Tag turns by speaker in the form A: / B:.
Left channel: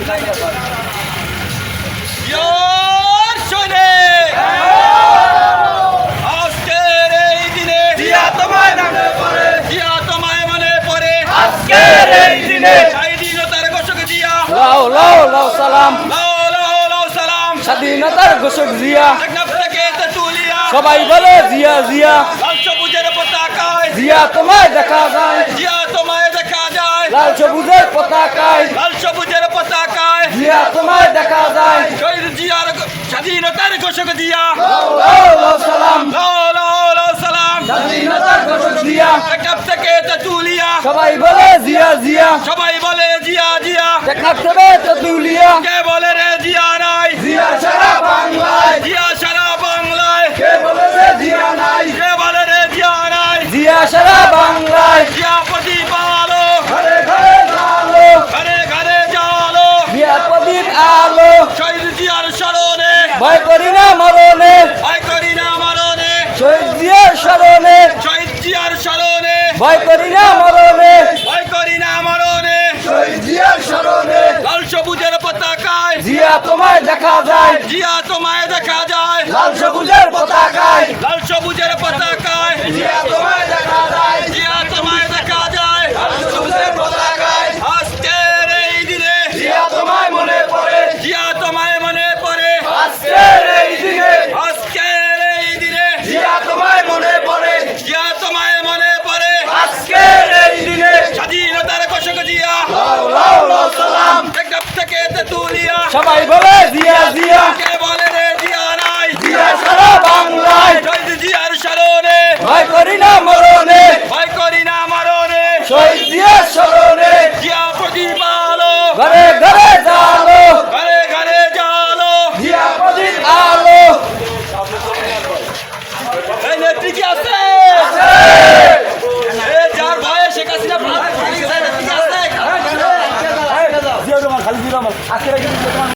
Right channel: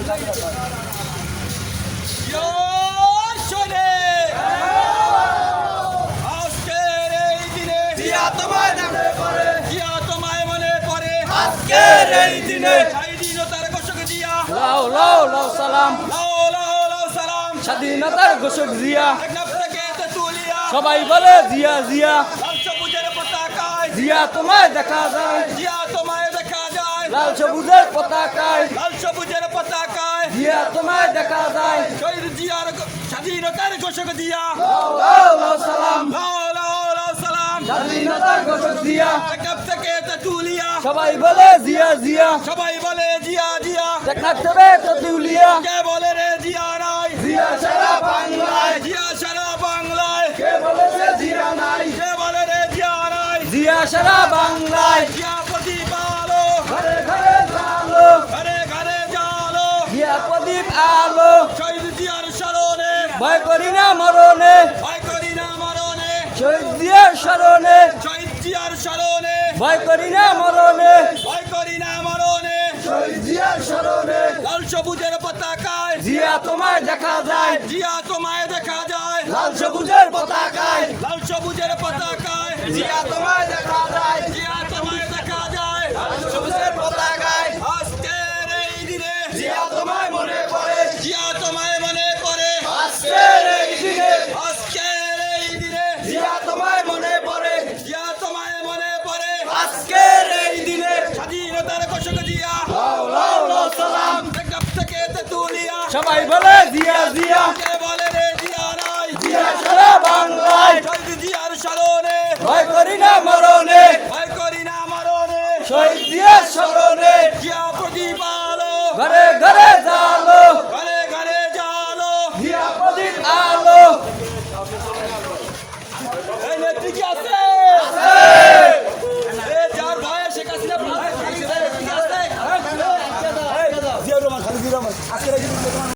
A: আজকের এই দিনে
B: জিয়া তোমায় মনে পড়ে,
A: জিয়া তোমায় মনে পড়ে।
B: আজকের এই দিনে
A: স্বাধীনতার ঘোষক জিয়া,
C: লাও লাও লাও সালাম,
A: লাও লাও লাও সালাম।
C: স্বাধীনতার ঘোষক জিয়া,
A: টেকনাফ থেকে তেঁতুলিয়া,
C: সবাই বলে জিয়া জিয়া,
A: লাল সবুজের পতাকায়
C: জিয়া তোমায় দেখা যায়,
A: জিয়া তোমায় দেখা যায়।
C: লাল সবুজের পতাকায়,
A: লাল সবুজের পতাকায়
C: জিয়া তোমায় দেখা যায়।
A: শহীদ জিয়ার স্বাধীনতার ঘোষক জিয়া,
C: লাও লাও লাও সালাম,
A: লাও লাও লাও সালাম।
C: স্বাধীনতার ঘোষক জিয়া,
A: টেকনাফ থেকে তেঁতুলিয়া,
C: সবাই বলে জিয়া জিয়া,
A: সবাই বলে জিয়া জিয়া।
C: টেকনাফ থেকে তেঁতুলিয়া,
A: কে বলে রে জিয়া নাই,
C: জিয়া সারা বাংলায়,
A: জিয়া সারা বাংলায়।
C: কে বলে রে জিয়া নাই,
A: কে বলে রে জিয়া নাই,
C: জিয়া সারা বাংলায়,
A: জিয়া প্রদীপ আলো,
C: ঘরে ঘরে আলো,
A: ঘরে ঘরে জালো।
C: জিয়া প্রদীপ আলো,
A: শহীদ জিয়ার স্মরণে,
C: ভয় করি না মরণে,
A: ভয় করি না মরণে।
C: শহীদ জিয়ার স্মরণে,
A: শহীদ জিয়ার স্মরণে,
C: ভয় করি না মরণে,
A: ভয় করি না মরণে।
C: শহীদ জিয়ার স্মরণে,
A: লাল সবুজের পতাকায়
C: জিয়া তোমায় দেখা যায়,
A: জিয়া তোমায় দেখা যায়।
C: লাল সবুজের পতাকায়,
A: লাল সবুজের পতাকায়
C: জিয়া তোমায় দেখা যায়,
A: জিয়া তোমায় দেখা যায়।
C: লাল সবুজের পতাকায়,
A: আজকের এই দিনে
C: জিয়া তোমায় মনে পড়ে,
A: জিয়া তোমায় মনে পড়ে।
C: আজকের এই দিনে
A: আজকের এই দিনে
C: জিয়া তোমায় মনে পড়ে,
A: জিয়া তোমায় মনে পড়ে।
C: আজকের এই দিনে
A: স্বাধীনতার ঘোষক জিয়া,
C: লাও লাও লাও সালাম,
A: টেকনাফ থেকে তেঁতুলিয়া,
C: সবাই বলে জিয়া জিয়া,
A: কে বলে রে জিয়া নাই,
C: জিয়া সারা বাংলায়,
A: শহীদ জিয়ার স্মরণে,
C: ভয় করি না মরণে,
A: ভয় করি না মরণে।
C: শহীদ জিয়ার স্মরণে,
A: জিয়া প্রদীপ আলো,
C: ঘরে ঘরে জালো,
A: ঘরে ঘরে জালো।
C: জিয়া প্রদীপ আলো,
A: এই নেত্রী কি আছে? এ যার ভয়ে শেখ হাসিনা পালিয়ে গেছে, নেত্রী কি আছে?